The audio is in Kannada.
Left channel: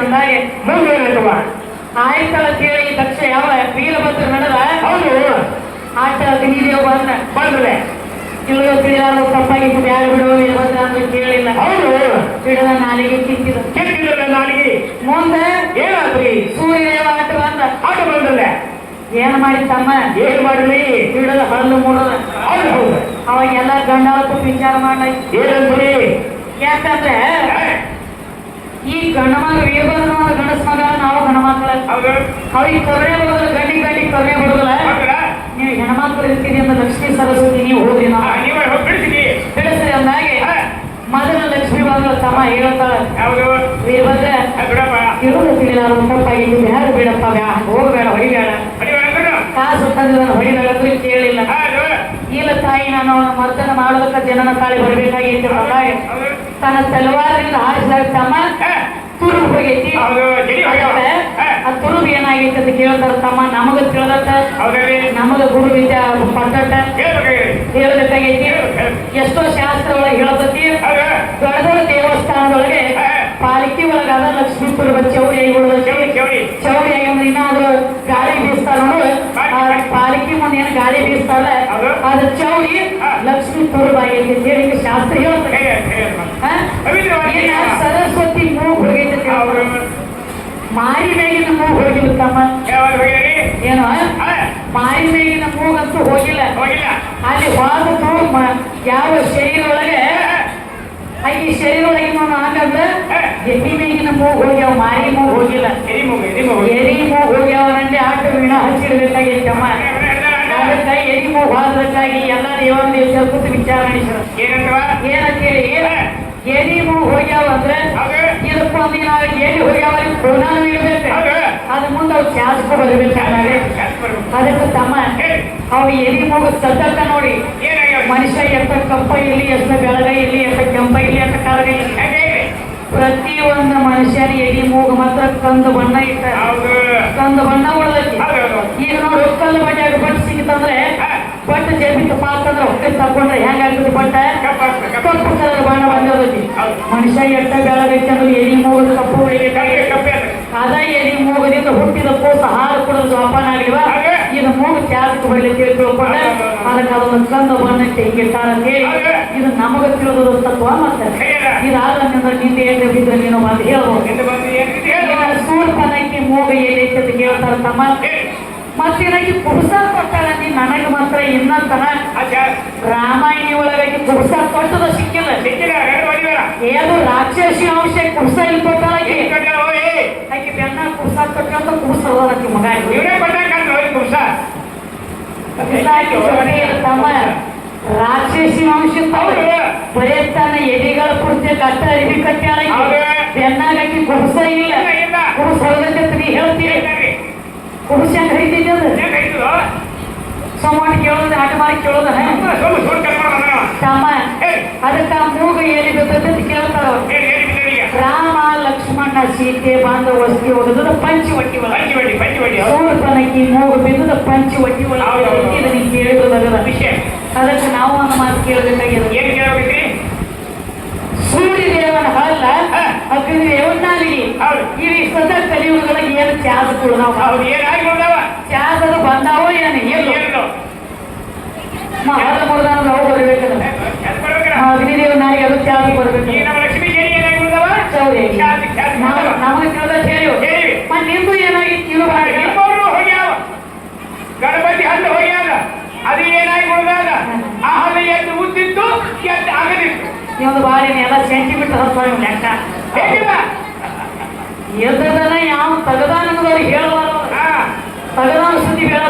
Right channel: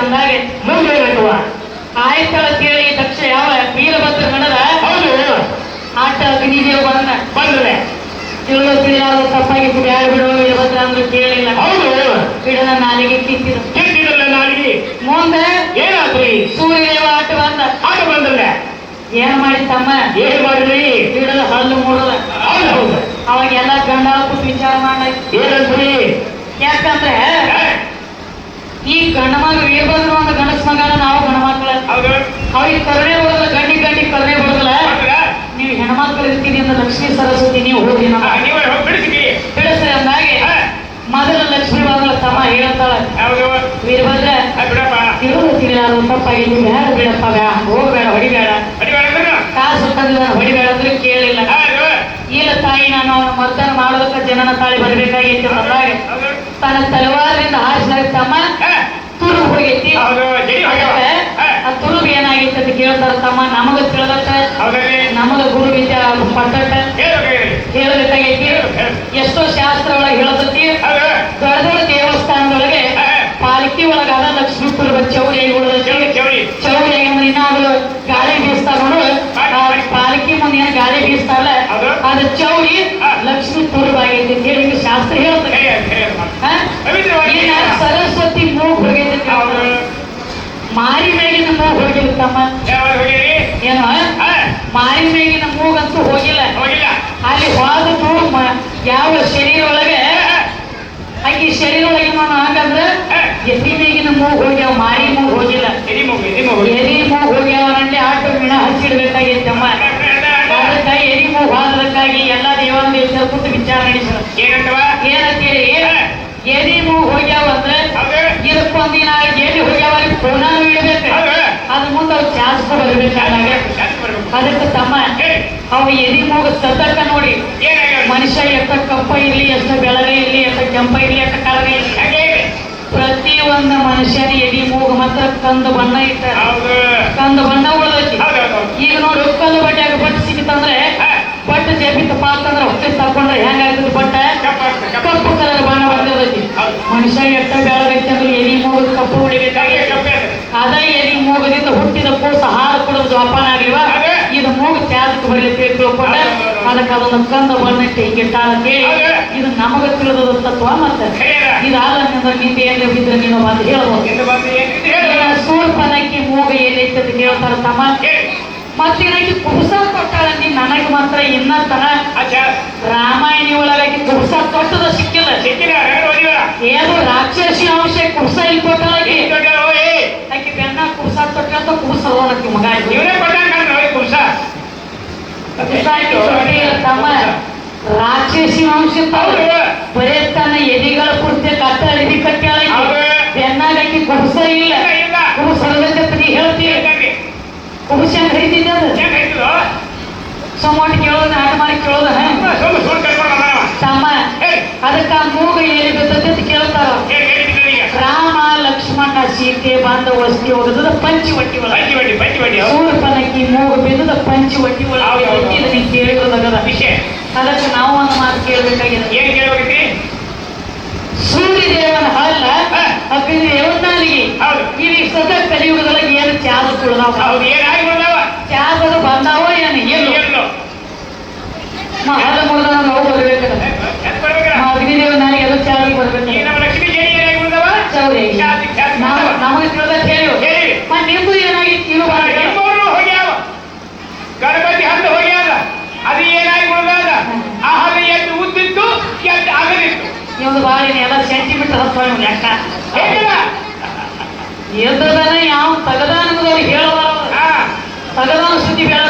ಅಂದಾಗೆ ಮುಂದೆ ಏನಾಯ್ತವ? ಆಯ್ತಳ ಕೇಳಿ ದಕ್ಷ ಯಾವ ವೀರಭದ್ರ ನಡೆದ ಹೌದು ಆಟ ಅಗ್ನಿದೇವ ಬಂದ್ರೆ ತಿಳಿದು ತೀರಾರು ತಪ್ಪಾಗಿದ್ದು ಯಾರು ಬಿಡುವ ವೀರಭದ್ರ ಅಂದ್ರೆ ಕೇಳಿಲ್ಲ. ಹೌದು ಬಿಡದ ನಾಲಿಗೆ ಕಿತ್ತಿರು ಕೆಟ್ಟಿರಲ್ಲ ನಾಲಿಗೆ. ಮುಂದೆ ಏನಾದ್ರಿ? ಸೂರ್ಯದೇವ ಆಟ ಬಂದಲ್ಲ ಏನ್ ಮಾಡಿ ತಮ್ಮ ಏನ್ ಮಾಡಲಿ? ಹಿಡಿದ ಹಲ್ಲು ಮೂಡದ. ಹೌದು ಅವಾಗ ಎಲ್ಲ ಗಂಡ ಕೂತು ವಿಚಾರ ಮಾಡ ಏನಂದ್ರಿ? ಯಾಕಂದ್ರೆ ಈ ಗಂಡ ಮಗ ವೀರಭದ್ರ ಗಂಡಸ ಮಗ ನಾವು ಗಂಡ ಮಕ್ಕಳ ಅವ್ರಿಗೆ ಕರುಣೆ ಬರೋದ ಗಂಡಿ ಕರುಣೆ ಬರೋದಿಲ್ಲ. ನೀವು ಹೆಣ್ಮಕ್ಳು ಇರ್ತೀರಿ ಅಂತ ಲಕ್ಷ್ಮೀ ಸರಸ್ವತಿ ನೀವು ಹೋಗಿ ಬಿಡಿಸ್ರಿ ಅಂದಾಗೆ ಮೊದಲ ಲಕ್ಷ್ಮೀ ಬಂದ ತಮ್ಮ ಹೇಳ್ತಾಳೆ ವೀರಭದ್ರ ತಿಳಿದು ತಿಳಿಯಾರು ತಪ್ಪಾಗಿದ್ದು ಬೇಡ ಬಿಡಪ್ಪ ಹೋಗ್ಬೇಡ ಹೊಡಿಬೇಡ ಕಾಸು ತಂದಿದ ಹೊಡಿಬೇಡ ಅಂದ್ರೆ ಕೇಳಿಲ್ಲ. ಇಲ್ಲ ತಾಯಿ ನಾನು ಮರ್ದನ ಮಾಡೋದಕ್ಕೆ ಜನನ ತಾಳಿ ಬರಬೇಕಾಗಿತ್ತು ಅಂದಾಗ ತನ್ನ ತಲವಾರದಿಂದ ಹಾರಿಸಿದಾಗ ತಮ್ಮ ತುರುಬು ಹೋಗೈತಿ. ಆ ತುರುಬು ಏನಾಗಿತ್ತು ಅಂತ ಕೇಳ್ತಾರ ತಮ್ಮ ನಮಗ ತಿಳಿದತ್ತ ನಮಗ ಗುರು ವಿದ್ಯೆ ಪಟ್ಟಟ ಹೇಳಬೇಕಾಗೈತಿ. ಎಷ್ಟೋ ಶಾಸ್ತ್ರಗಳಿಗೆ ಹೇಳತೈತಿ ದೊಡ್ಡ ದೊಡ್ಡ ದೇವಸ್ಥಾನದೊಳಗೆ ಪಾಲಿಕೆ ಒಳಗಾದ ಲಕ್ಷ್ಮೀಪುರ ಚೌಡಿಯಾಗಿ ಚೌಡಿಯಾಗಿ ಇನ್ನಾದ್ರು ಗಾಳಿ ಬೀಸ್ತಾರ ನೋಡು. ಪಾಲಿಕೆ ಮುಂದೆ ಏನ್ ಗಾಳಿ ಬೀಸ್ತಾರಲ್ಲ ಅದು ಚೌಡಿ ಲಕ್ಷ್ಮೀ ಪೂರ್ವಾಗೈತಿ ಅಂತ ಹೇಳಿ ಶಾಸ್ತ್ರ ಹೇಳ್ತದೆ. ಸರಸ್ವತಿ ಮೂಗು ಹೋಗೈತೆ ಮಾರಿ ಮೇಗಿನ ಮೂಗು ಹೋಗಿರ್ತಮ್ಮ ಏನ ಮಾರಿ ಮೇಗಿನ ಮೂಗಂತೂ ಹೋಗಿಲ್ಲ. ಅಲ್ಲಿ ಹೋದದ್ದು ಯಾವ ಶರೀರ ಒಳಗೆ ಆಕಿ ಶರೀರ ಒಳಗೆ ಹಂಗಂದ್ರೆ ಎದಿ ಮೇಗಿನ ಮೂಗು ಹೋಗ್ಯಾವ ಮಾರಿ ಮೂಗು ಹೋಗಿಲ್ಲ. ಎದಿ ಮೂಗು ಹೋಗ್ಯಾವನಲ್ಲಿ ಆಟ ವಿಣ ಹಚ್ಚಿಡ್ಬೇಕಾಗಿತ್ತಮ್ಮ. ಅದಕ್ಕೆ ಎದಿ ಮೂಗು ಹೋದಕ್ಕಾಗಿ ಎಲ್ಲ ದೇವರ ದೇವರ ಕೂತು ವಿಚಾರ ನಡೆಸಿದ್ರು. ಏನಂತೇಳಿ ಎದಿ ಮೂಗು ಹೋಗ್ಯಾವ ಅಂದ್ರೆ ಇದಕ್ಕೊಂದಿನ ಎಲ್ಲಿ ಹೋಗ್ಯಾವ ಪುನಃ ಇಡಬೇಕು. ಅದ ಮುಂದೆ ಅವ್ರು ಚಾಸ್ಕೊ ಬರ್ಬೇಕಾಗ ಅದಕ್ಕೆ ತಮ್ಮ ಅವು ಎದಿ ಮೂಗು ಸದ್ದಕ್ಕ ನೋಡಿ ಮನುಷ್ಯ ಎಷ್ಟ ಕಪ್ಪ ಇರ್ಲಿ ಎಷ್ಟು ಬೆಳಗ ಇರ್ಲಿ ಎಷ್ಟು ಕೆಂಪ ಇರ್ಲಿ ಎಷ್ಟು ಕಾಳಗ ಇರ್ಲಿ ಪ್ರತಿಯೊಂದು ಮನುಷ್ಯನ ಎದಿ ಮೂಗು ಮಾತ್ರ ಕಂದು ಬಣ್ಣ ಇಟ್ಟಾರ. ಕಂದು ಬಣ್ಣ ಉಳಿದೈತಿ. ಈಗ ನೋಡಿ ಕಂದು ಬಟ್ಟೆ ಬಟ್ಟೆ ಸಿಕ್ಕಿತಂದ್ರೆ ಬಟ್ಟೆ ಜೇಬಿ ತಪ್ಪಾತಂದ್ರೆ ಹೊಟ್ಟೆ ತಕೊಂಡ್ರೆ ಹೆಂಗಾಗ್ತದೆ ಬಟ್ಟೆ ಕಪ್ಪು ಕಲರ್ ಬಣ್ಣ ಬಂದಿರತೈತಿ. ಮನುಷ್ಯ ಎಷ್ಟ ಬೆಳಗೈತಿ ಅಂದ್ರೆ ಎದಿ ಮೂಗು ಕಪ್ಪು ಉಳಿಬೇಕಾಗಿ ಅದ ಎದಿ ಮೂಗದಿಂದ ಹುಟ್ಟಿದ ಕೂಸ ಹಾಲು ಕುಡಿದು ಜೋಪಾನ ಆಗಿವ ಇದು ಮೂಗು ತ್ಯಾಗಕ್ಕೆ ಬರ್ಲಿಕ್ಕೆ ತಿಳ್ಕೊಂಡ ಅದಕ್ಕೆ ಅದನ್ನು ಕಂದ ಬಣ್ಣ ಹಿಂಗಿಟ್ಟಾರ ಅಂತೇಳಿ ಇದು ನಮಗ ತಿಳಿದ ತತ್ವ. ಮತ್ತೆ ಇದಾದ ನಿಂದೆ ಏನ್ ಬಿದ್ರೆ ನೀನು ಬಂದು ಹೇಳ್ಬೋದು. ಸೂರ್ಪನಕ್ಕೆ ಮೂಗು ಏನೈತೆ ಅಂತ ಕೇಳ್ತಾರ ತಮ್ಮ. ಮತ್ತಿನಕ್ಕೆ ಕುಬಸ ಕೊಟ್ಟಾಳ ನೀ ನನಗೆ ಮಾತ್ರ ಇನ್ನಂತನ ರಾಮಾಯಣಿ ಒಳಗಾಗಿ ಕುಬಸ ಕೊಟ್ಟದ ಸಿಕ್ಕಿಲ್ಲ. ಏನು ರಾಕ್ಷಸಿ ಅಂಶ ಕುಬಸ ಇಲ್ಲಿ ಕೊಟ್ಟಲಾಗಿ ಆಕೆ ಬೆನ್ನ ಕುಬಸ ತೊಟ್ಟಂತ ಕುಬಸ ಹೋದಕ್ಕೆ ಮಗ ತಮ್ಮ ರಾಕ್ಷಸಿ ಅಂಶ ಬರೇ ತನ್ನ ಎದಿಗಳ ಕುರ್ತಿ ಕಟ್ಟ ಎದಿ ಕಟ್ಟಾಳ ಬೆನ್ನಾಗಕ್ಕೆ ಕುಬಸ ಇಲ್ಲ. ಕುಬಸ ಹೊರದಂತೆ ನೀ ಹೇಳ್ತೀವಿ ಕುಬಸ ಹೆಂಗ್ ಹರಿತಿದ್ದೆ ಅದು ಸೋಮಾಟಿ ಕೇಳೋದ ಆಟ ಮಾಡಿ ಕೇಳೋದ ತಮ್ಮ. ಅದಕ್ಕ ಮೂಗು ಎಲ್ಲಿ ಬಿದ್ದತೆ ಅಂತ ಕೇಳ್ತಾರ. ರಾಮ ಲಕ್ಷ್ಮಣ ಸೀತೆ ಬಂದ ವಸ್ತಿ ಹೋಗದ ಪಂಚಿ ಒಟ್ಟಿ ಒಳಗೆ ಸೂರ್ಪನಕ್ಕಿ ಮೂಗು ಬಿದ್ದದ ಪಂಚಿ ಒಟ್ಟಿ ಒಳಗೆ ಕೇಳಿರೋದಾಗದ ವಿಷಯ. ಅದಕ್ಕೆ ನಾವು ಒಂದು ಮಾತು ಕೇಳಬೇಕಾಗಿದೆ. ಸೂರ್ಯದೇವನ ಹಲ್ಲ ಅಗ್ನಿದೇವನ ನಾಲಿಗೆ ಈಗ ಸದ ಕಲಿಯುವುದೊಳಗೆ ಏನು ಚಾದ ತುಳಿದಾವ ಚಾದದ ಬಂದಾವ ಏನು ಹಲ್ಲ ಮುರಿದ ನಾವು ಬರ್ಬೇಕಲ್ಲ ಅಗ್ನಿದೇವ ನಾಲಿಗೆ ಅದು ಚಾದ ಬರ್ಬೇಕು. ನಮಗೆ ತಿಳಿದ ಹೇಳಿ ನಿಮ್ದು ಏನಾಗಿತ್ತು ಗಣಪತಿ ಹಲ್ಲು ಹೋಗ್ಯಾದ ಅದು ಏನಾಗಿ ಉಳಿದಾಗ ಆ ಹಲ್ಲು ಎದ್ದು ಉದ್ದಿತ್ತು ಎದ್ದು ಆಗದಿತ್ತು. ನಿಮ್ದು ಬಾರಿ ಎಲ್ಲ ಸೆಂಟಿಮೀಟರ್ ಹತ್ತು ಲೆಕ್ಕ ಹೇಗಿಲ್ಲ ಎದ್ದದನ ಯಾವ ತಗದಾನ ಹೇಳಬಾರ ತಗದಾನ ಸುದ್ದಿ ಬೇಡ